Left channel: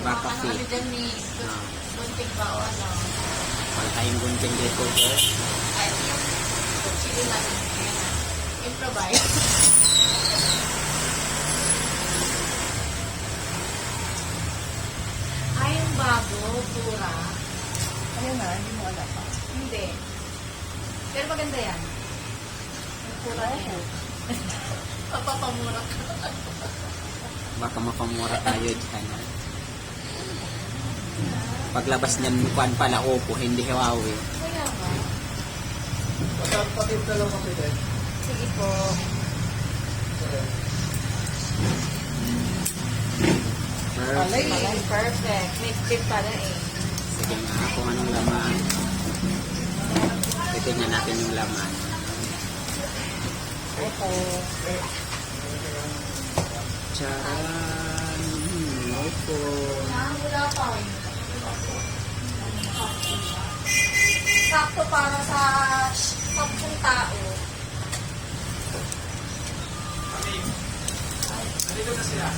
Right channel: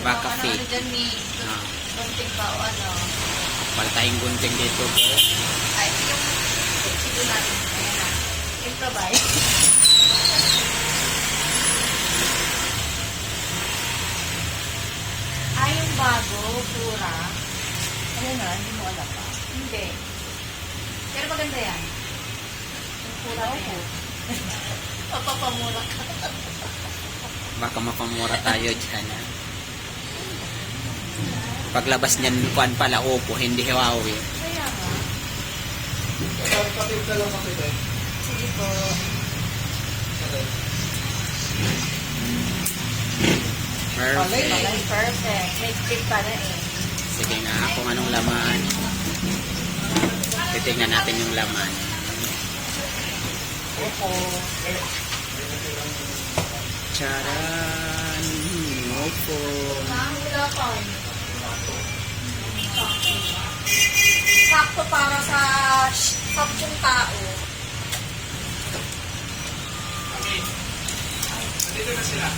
Baka feet. Ano dyan ni gunting bawal. Wala tayong gunting dito, guys. Ay, sige lang. Improvise. Ay, yung bago, pura. Ayun na, hindi mo alam pa. Hindi. Pero maganda yan. Yung pura ko. Papapamura ka. Baka mapamura tayo dyan, ha? Paglabas niyan, kuan pala, Oppo, hindi Huawei. Kaya nga. Patip na lang kami din. Sige po. Perfect. Perfect. May chip pa rin eh. Sige nga, kung anong laman. Titignan natin yung laman. Opo. Charan! Oppo. Wala pa eh. Sakto para sa 10 tao. Dito na sila.